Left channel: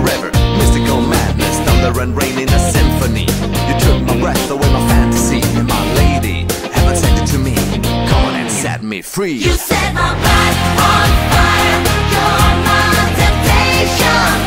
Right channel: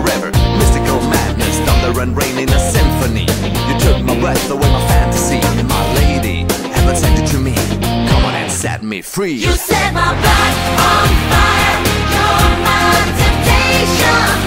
forever. Mystical madness, thunder and rain in a symphony. You took my breath away, my fantasy. My lady, heaven sent you to me. Come on and set me free. You set my blood on fire. You're my temptation.